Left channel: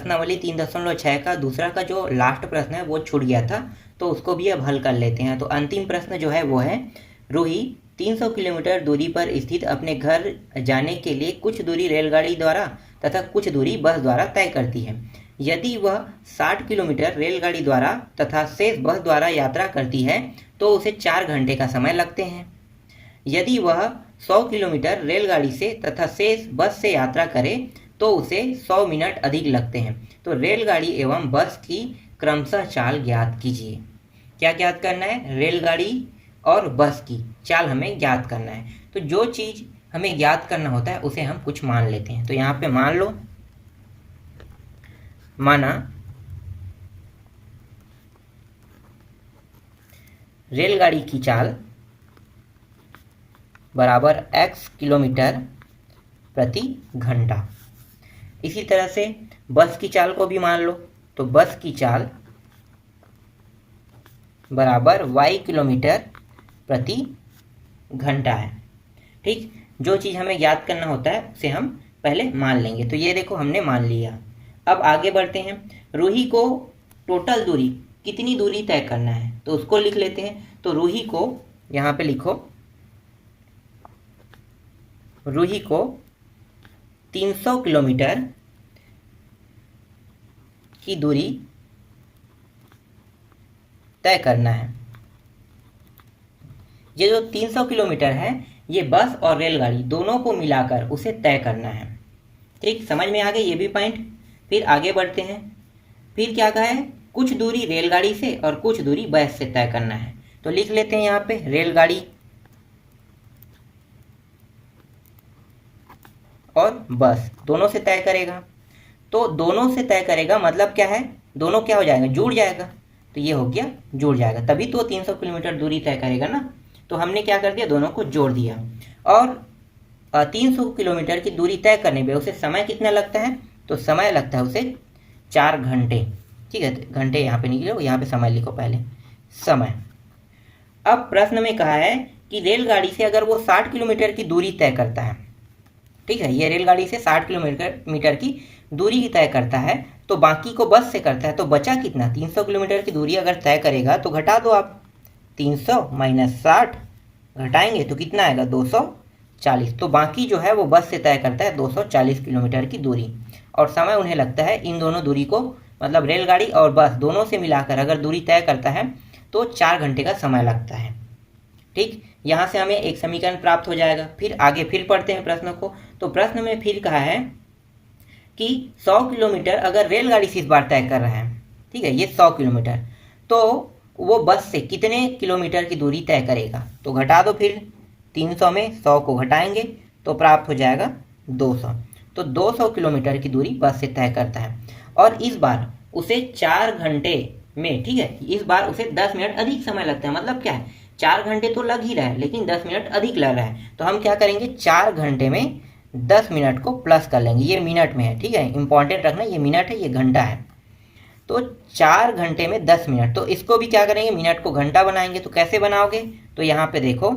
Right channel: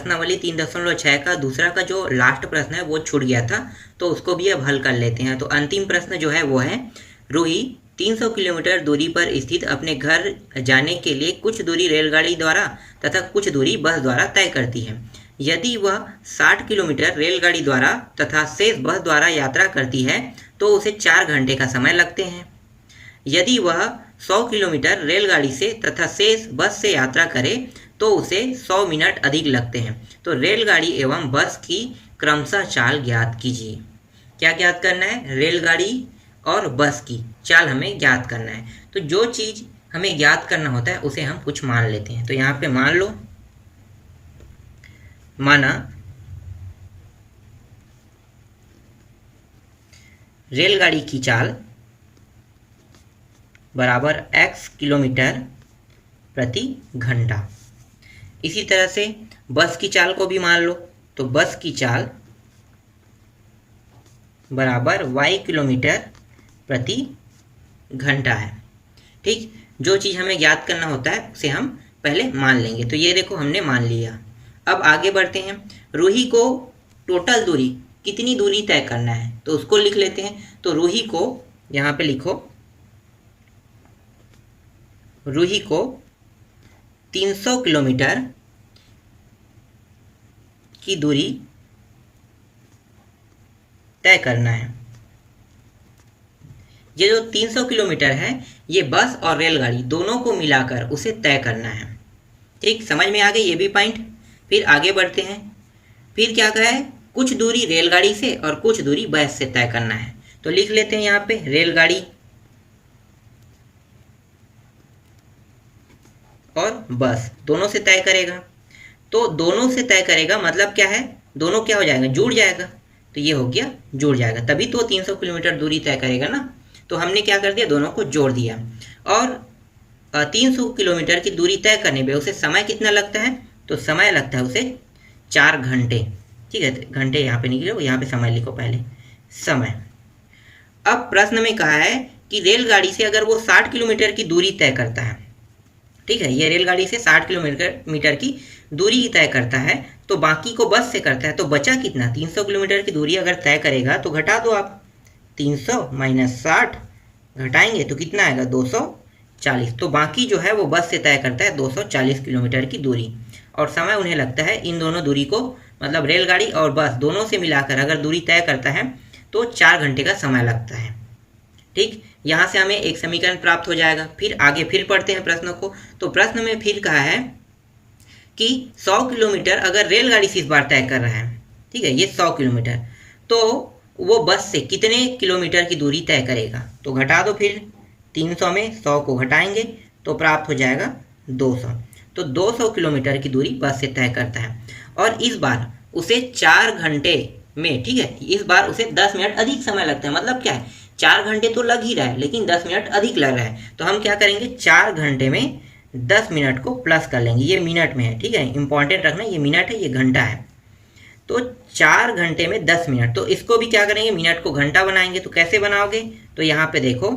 प्रश्नावली 3.6 का दूसरा का जो लास्ट प्रश्न है वो छूट गया था, तो उसको भी अब हल कर लेते हैं। तो अंतिम प्रश्न जो है वो है, रूही 300 किलोमीटर दूरी पर स्थित अपने घर जाने के लिए कुछ दूरी रेलगाड़ी द्वारा तथा कुछ दूरी बस द्वारा तय करती है। यदि वह 60 किलोमीटर रेलगाड़ी द्वारा तथा शेष बस द्वारा यात्रा करती है तो उसे 4 घंटे का समय लगते हैं। यदि वह 100 किलोमीटर रेलगाड़ी से तथा शेष बस से यात्रा करे तो उसे 100 मिनट अधिक लगते हैं। तो रेलगाड़ी एवं बस की क्रमशः चाल ज्ञात कीजिए। क्या ज्ञात करना है? रेलगाड़ी और बस की चाल हमें ज्ञात करना है। तो जो चीज़ हमें ज्ञात करना होता है उसे हम कुछ मान लेते हैं। तो यहाँ पे मान लो, माना रेलगाड़ी की चाल बराबर x किलोमीटर प्रति घंटा। इसी तरह से बस की चाल को भी मान लो, तो बस की चाल बराबर y किलोमीटर प्रति घंटा है। ठीक, जो चीज़ हमें ज्ञात करना होता है उसे हम पहले मान लेंगे। तो ये देखो हमने मान लिया। अब आगे बढ़ते हैं। रूही को टोटल दूरी, कितनी दूरी तय करना है तो उसको लिख लेते हैं। तो रूही को यहाँ पे लिखो, रूही को 300 किलोमीटर की दूरी तय करना है। ये जो 300 किलोमीटर है ये बस और रेलगाड़ी दोनों को मिलाकर उसे तय करना है। ठीक, समझ में आ गई ये भी पॉइंट। फिर आगे बढ़ते हैं। फिर क्या कहा है? कुछ दूरी रेलगाड़ी से और कुछ दूरी बस से तय करना है। तो लिख लेते हैं यहाँ पे रेलगाड़ी और बस दोनों से तय करेगा। तो दोनों से तय करेगा मतलब क्या है? दोनों क्या हो जाएगा? जुड़ जाएगा। तो ये हो गया जुड़ जाएगा, तभी तो 300 किलोमीटर दूरी तय करेगा ना। तो हमने क्या कर दिया? दोनों को जोड़ दिया। और 300 किलोमीटर की दूरी तय करने में उसे समय कितना लगता है? तो समय लगता है उसे 4 घंटे। ठीक है, घंटे यहाँ पे नहीं लिखो, यहाँ पे समय लिखो पहले, समय। अब प्रश्न में कहा है कि रेलगाड़ी से अगर वो 60 किलोमीटर की दूरी तय करता है, ठीक है, ये रेलगाड़ी से 60 किलोमीटर की दूरी तय करता है, तो बाकी को बस से करता है, तो बचा कितना? 300 किलोमीटर की दूरी अगर तय करेगा तो घटा दो आप, 300 माइनस 60 घटाएंगे तो कितना आएगा? 240। तो बाकी जो है वो बस से तय करता है 240 किलोमीटर की दूरी। और समय उन्हें लगता है इन दोनों दूरी को, मतलब रेलगाड़ी और बस दोनों से मिलाकर अगर दूरी तय करता है तो 4 घंटे का समय लगता है। ठीक, यहाँ से हमें एक समीकरण प्राप्त हो जाएगा। फिर आगे फिर पढ़ते हैं प्रश्नों को। तो प्रश्न में फिर कहा है कि 100 किलोमीटर अगर रेलगाड़ी से इस बार तय कर रहा है, ठीक है, ये 100 किलोमीटर, तो वो बस से कितने किलोमीटर की दूरी तय करेगा? तो घटा दो, फिर 300 में 100 को घटाएंगे तो प्राप्त हो जाएगा 200। तो 200 किलोमीटर की दूरी बस से तय करता है। और इस बार उसे 4 घंटे में, ठीक है, इस बार उसे 10 मिनट अधिक समय लगता है। मतलब क्या है? 4 घंटे तो लग ही रहा है लेकिन 10 मिनट अधिक लग रहा है। तो हम क्या करेंगे? 4 घंटे में 10 मिनट को प्लस कर लेंगे। ये मिनट में है, ठीक है, इंपॉर्टेंट रखना, ये मिनट है, ये घंटा है। तो 4 घंटे में 10 मिनट, तो इसको भी क्या करेंगे? मिनट को घंटा बनाएंगे। तो कैसे बनाओगे? तो यहाँ पे देखो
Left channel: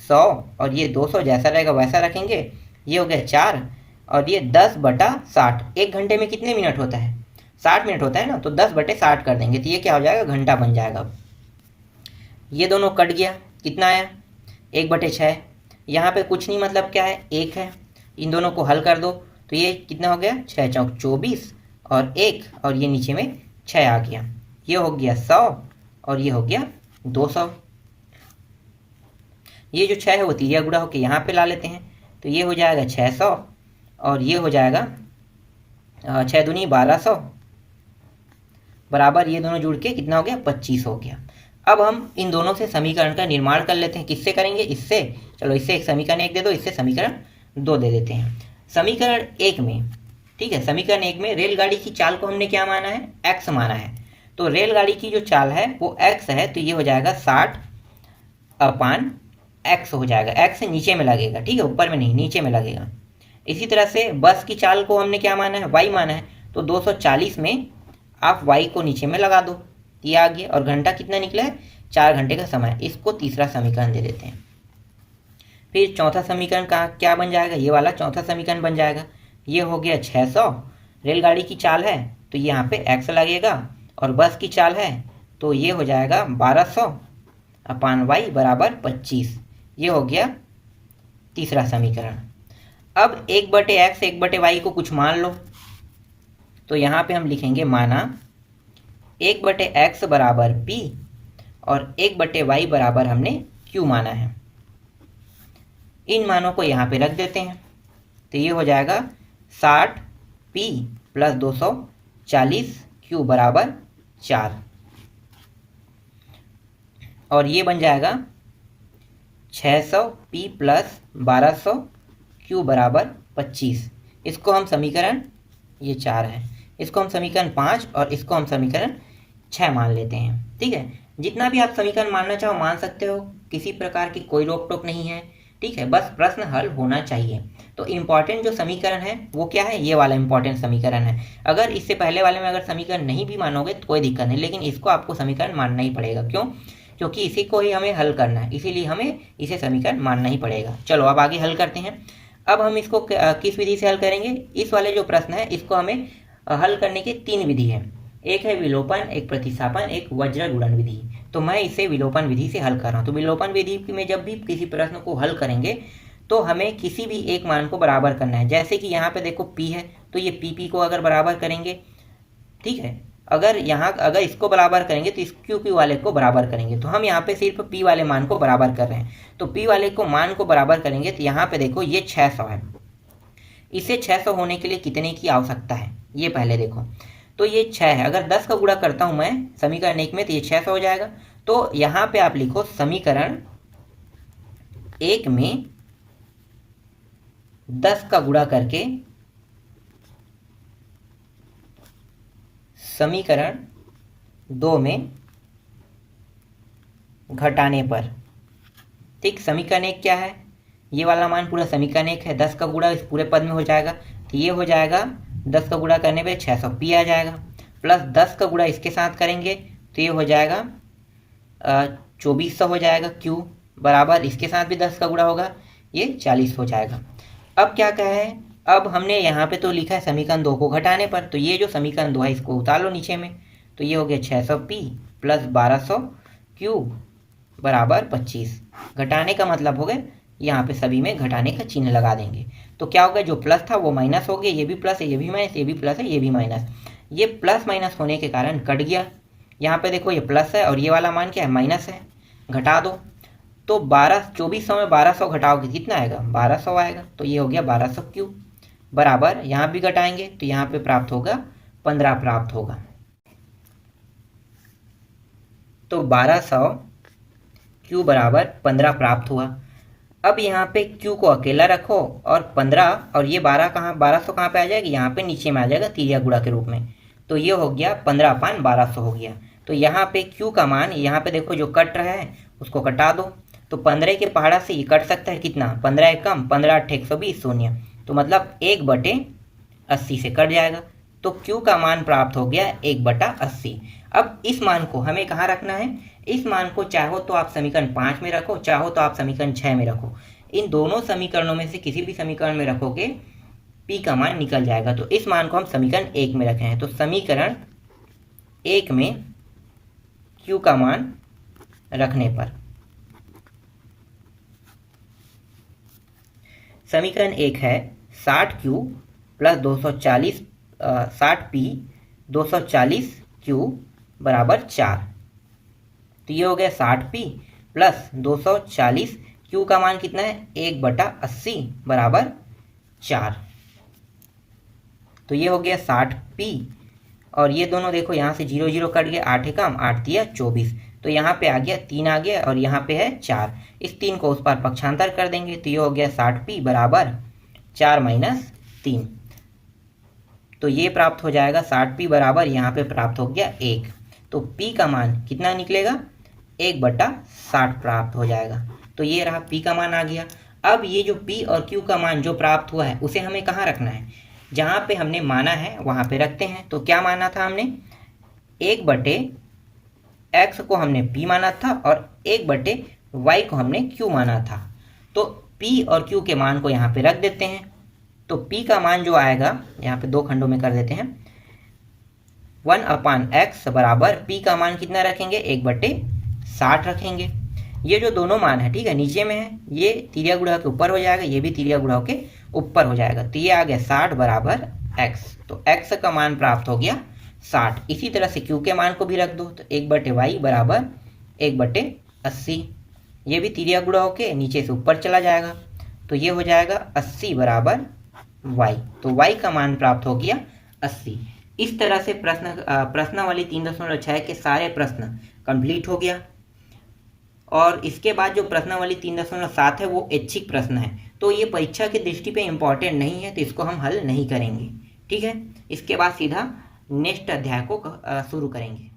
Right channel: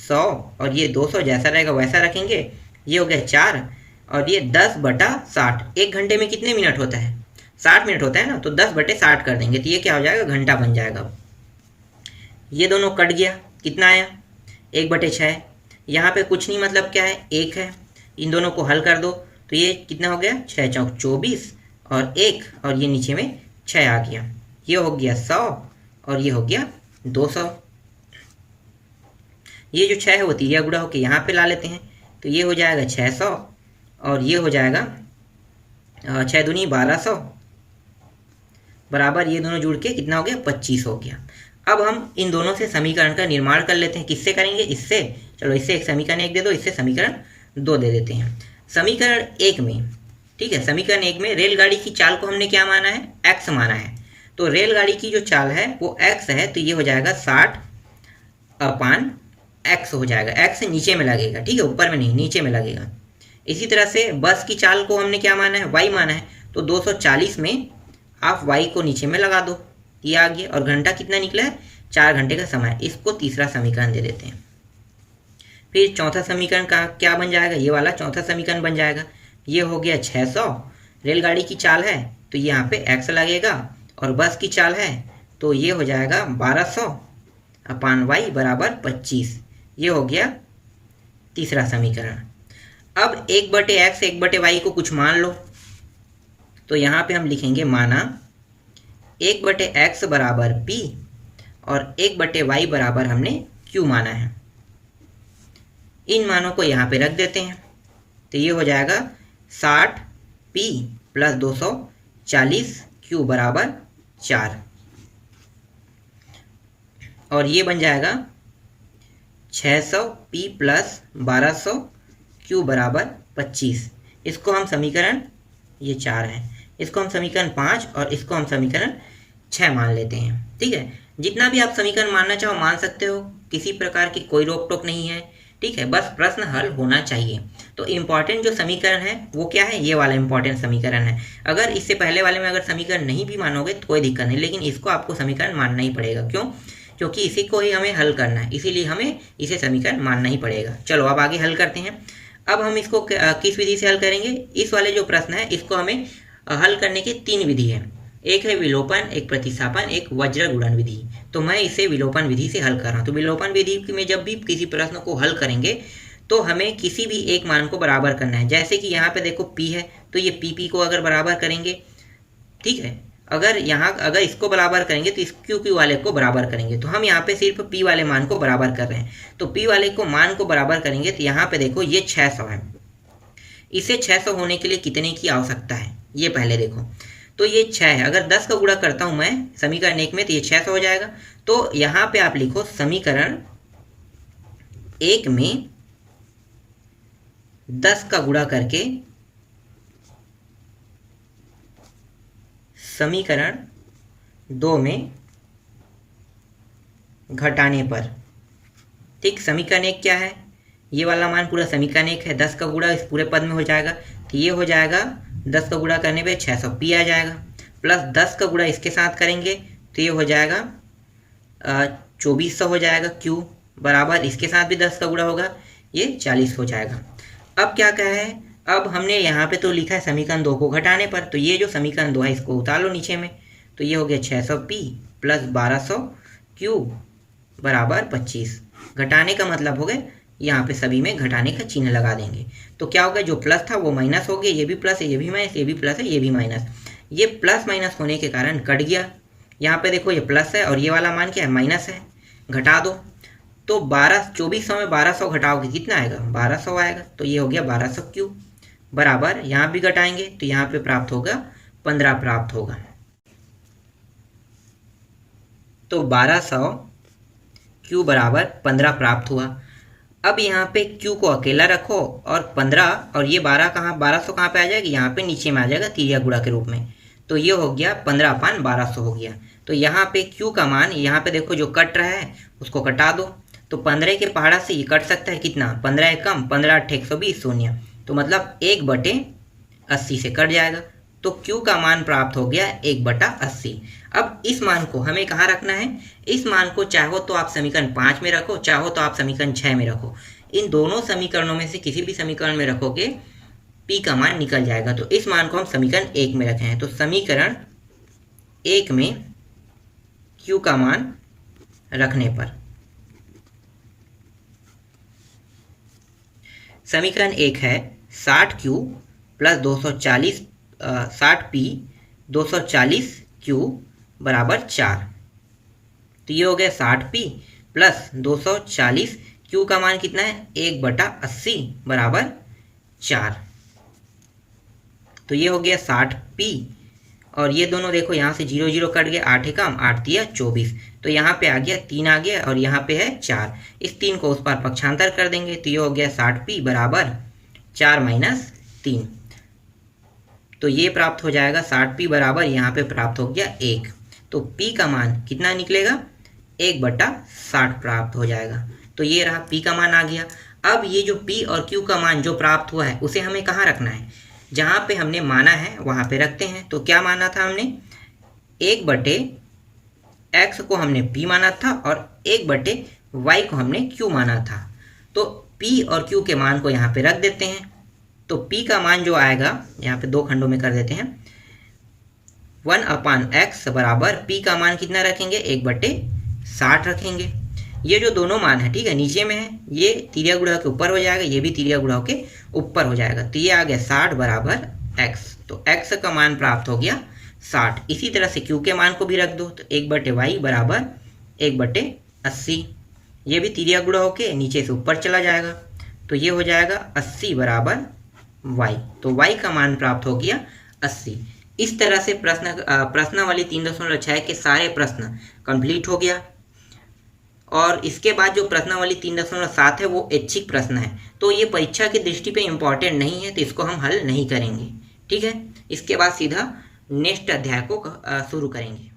100 और ये 200 जैसा रहेगा वैसा रखेंगे। ये हो गया 4 और ये 10/60। 1 घंटे में कितने मिनट होता है? 60 मिनट होता है ना। तो 10/60 कर देंगे तो ये क्या हो जाएगा? घंटा बन जाएगा। ये दोनों कट गया, कितना आया? 1/6। यहाँ पे कुछ नहीं, मतलब क्या है? 1 है। इन दोनों को हल कर दो तो ये कितना हो गया? 6 चौक 24 और 1 और ये नीचे में 6 आ गया। ये हो गया 100 और ये हो गया 200। ये जो 6 है वो तिरिया गुणा होकर यहाँ पे ला लेते हैं तो ये हो जाएगा 600 और ये हो जाएगा 6 दूनी 1200 बराबर, ये दोनों जुड़ के कितना हो गया? 25 हो गया। अब हम इन दोनों से समीकरण का निर्माण कर लेते हैं। किससे करेंगे? इससे। चलो इससे एक समीकरण 1 दे दो, इससे समीकरण 2 दे देते हैं। समीकरण 1 में, ठीक है, समीकरण 1 में रेलगाड़ी की चाल को हमने क्या माना है? x माना है। तो रेलगाड़ी की जो चाल है वो x है, तो ये हो जाएगा 60/x हो जाएगा। x नीचे में लगेगा, ठीक है, ऊपर में नहीं, नीचे में लगेगा। इसी तरह से बस की चाल को हमने क्या माना है? y माना है। तो 240 में आप y को नीचे में लगा दो, ये आ गया। और घंटा कितना निकला है? 4 घंटे का समय। इसको तीसरा समीकरण दे देते हैं। फिर चौथा समीकरण का क्या बन जाएगा? ये वाला चौथा समीकरण बन जाएगा। ये हो गया 600, रेलगाड़ी की चाल है तो तो यहाँ पे x लगेगा और बस की चाल है तो ये हो जाएगा 1200 अपान y बराबर 25। ये हो गया तीसरा समीकरण। अब 1/x 1/y को कुछ मान लो, तो यहाँ पे हम लिखेंगे माना 1/x बराबर p और 1/y बराबर हमने q माना है। इन मानों को यहाँ पे रख देते हैं तो ये हो जाएगा 60p प्लस 240q बराबर 4 और ये बन जाएगा 600p प्लस 1200q बराबर 25। इसको हम समीकरण, ये 4 है, इसको हम समीकरण 5 और इसको हम समीकरण 6 मान लेते हैं। ठीक है, जितना भी आप समीकरण मानना चाहो मान सकते हो, किसी प्रकार की कोई रोक टोक नहीं है। ठीक है, बस प्रश्न हल होना चाहिए। तो इम्पॉर्टेंट जो समीकरण है वो क्या है, ये वाला इम्पॉर्टेंट समीकरण है। अगर इससे पहले वाले में अगर समीकरण नहीं भी मानोगे तो कोई दिक्कत नहीं, लेकिन इसको आपको समीकरण मानना ही पड़ेगा। क्यों? क्योंकि इसी को ही हमें हल करना है, इसीलिए हमें इसे समीकरण मानना ही पड़ेगा। चलो अब आगे हल करते हैं। अब हम इसको किस विधि से हल करेंगे? इस वाले जो प्रश्न है इसको हमें हल करने के 3 विधि है। एक है विलोपन, एक प्रतिस्थापन, एक वज्र गुणन विधि। तो मैं इसे विलोपन विधि से हल कर रहा हूँ। तो विलोपन विधि में जब भी किसी प्रश्न को हल करेंगे तो हमें किसी भी एक मान को बराबर करना है। जैसे कि यहाँ पे देखो p है तो ये p को अगर बराबर करेंगे, ठीक है, अगर इसको बराबर करेंगे तो इस q वाले को बराबर करेंगे। तो हम यहाँ पे सिर्फ p वाले मान को बराबर कर रहे हैं। तो p वाले को मान को बराबर करेंगे तो यहाँ पे देखो ये 600 है। इसे 600 होने के लिए कितने की आवश्यकता है ये पहले देखो। तो ये 6 है, अगर 10 का गुणा करता हूँ मैं समीकरण 1 में तो ये 600 हो जाएगा। तो यहाँ पे आप लिखो समीकरण 1 में 10 का गुणा करके समीकरण 2 में घटाने पर। ठीक, समीकरण 1 क्या है, ये वाला मान पूरा समीकरण 1 है, 10 का गुणा इस पूरे पद में हो जाएगा तो ये हो जाएगा 10 का गुणा करने पे 600p आ जाएगा, प्लस 10 का गुणा इसके साथ करेंगे तो ये हो जाएगा 2400 हो जाएगा। q बराबर इसके साथ भी 10 का गुणा होगा, ये 40 हो जाएगा। अब क्या कहा है, अब हमने यहाँ पे तो लिखा है समीकरण 2 को घटाने पर, तो ये जो समीकरण 2 है इसको उतार लो नीचे में। तो ये हो गया 600p प्लस 1200q बराबर 25। घटाने का मतलब हो गया यहाँ पे सभी में घटाने का चिन्ह लगा देंगे। तो क्या होगा, जो प्लस था वो माइनस हो गया, ये भी प्लस है, ये भी माइनस, ये भी प्लस है, ये भी माइनस। ये प्लस माइनस होने के कारण कट गया। यहाँ पे देखो ये प्लस है और ये वाला मान क्या है, माइनस है। घटा दो तो 2400 में 1200 घटाओगे कितना आएगा, 1200 आएगा। तो ये हो गया 1200q बराबर, यहाँ भी घटाएंगे तो यहाँ पे प्राप्त होगा 15 प्राप्त होगा। तो 1200q बराबर 15 प्राप्त हुआ। अब यहाँ पे q को अकेला रखो और 15 और ये 12 कहाँ, 1200 कहाँ पे आ जाएगा, यहाँ पे नीचे में आ जाएगा तिर्यक गुणा के रूप में। तो ये हो गया 15/1200 हो गया। तो यहाँ पे q का मान, यहाँ पे देखो जो कट रहा है उसको कटा दो। तो 15 के पहाड़ा से ये कट सकता है कितना, 15 कम 15 8 120 शून्य, तो मतलब 1/80 से कट जाएगा। तो q का मान प्राप्त हो गया 1/80। अब इस मान को हमें कहाँ रखना है, इस मान को चाहो तो आप समीकरण 5 में रखो, चाहो तो आप समीकरण 6 में रखो। इन दोनों समीकरणों में से किसी भी समीकरण में रखोगे p का मान निकल जाएगा। तो इस मान को हम समीकरण 1 में रखे हैं। तो समीकरण 1 में q का मान रखने पर समीकरण 1 है 60q प्लस 240 60p 240q बराबर 4। तो ये हो गया 60p प्लस 240q का मान कितना है, 1/80 बराबर 4। तो ये हो गया 60p और ये दोनों देखो यहाँ से 0 0 कट गया, 8 कम 8 दिया 24। तो यहाँ पे आ गया 3 आ गया और यहाँ पे है 4। इस 3 को उस पर पक्षांतर कर देंगे तो ये हो गया 60p बराबर 4 माइनस 3। तो ये प्राप्त हो जाएगा 60p बराबर, यहाँ पे प्राप्त हो गया 1। तो p का मान कितना निकलेगा, 1/60 प्राप्त हो जाएगा। तो ये रहा p का मान आ गया। अब ये जो p और q का मान जो प्राप्त हुआ है उसे हमें कहाँ रखना है, जहाँ पे हमने माना है वहाँ पे रखते हैं। तो क्या माना था हमने, 1/x को हमने p माना था और 1/y को हमने q माना था। तो p और q के मान को यहाँ पे रख देते हैं। तो p का मान जो आएगा, यहाँ पे 2 खंडों में कर देते हैं, 1/x बराबर p का मान कितना रखेंगे, 1/60 रखेंगे। ये जो दोनों मान है, ठीक है, नीचे में है, ये तिर्या गुणा के ऊपर हो जाएगा, ये भी तिर्या गुणा के ऊपर हो जाएगा, तो ये आ गया 60 बराबर x। तो x का मान प्राप्त हो गया 60। इसी तरह से q के मान को भी रख दो, तो 1/y बराबर 1/80। ये भी तिर्या गुणा होके नीचे से ऊपर चला जाएगा, तो ये हो जाएगा 80 बराबर y। तो y का मान प्राप्त हो गया 80। इस तरह से प्रश्नावली 3.6 के सारे प्रश्न कंप्लीट हो गया। और इसके बाद जो प्रश्नावली 3.7 है वो ऐच्छिक प्रश्न है, तो ये परीक्षा की दृष्टि पे इम्पॉर्टेंट नहीं है, तो इसको हम हल नहीं करेंगे। ठीक है, इसके बाद सीधा नेक्स्ट अध्याय को शुरू करेंगे।